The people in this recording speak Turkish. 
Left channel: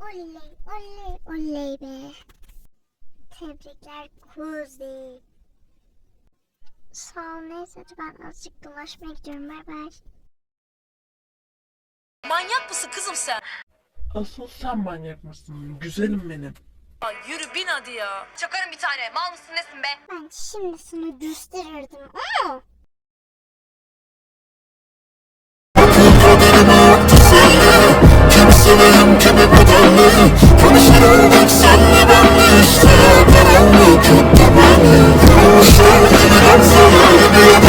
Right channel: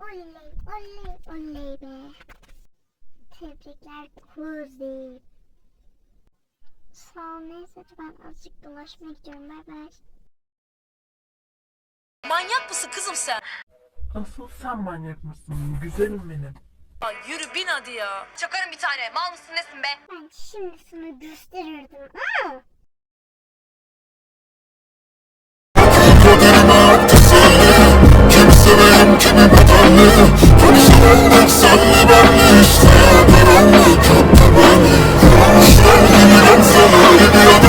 Oley oley oley be. Tebrikler Kuzi. Sağ ol neyse ben azıcık dolaşmaya gidiyorum bay bay. Manyak mısın kızım sen? Asıl sen manyak mısın? Güzelim benim. Ya yürü bin hadi ya. Çakarım bir tane. Mal mısın nesin be? Ben şimdi sana gösterirdim ama. Konuşarak senle belli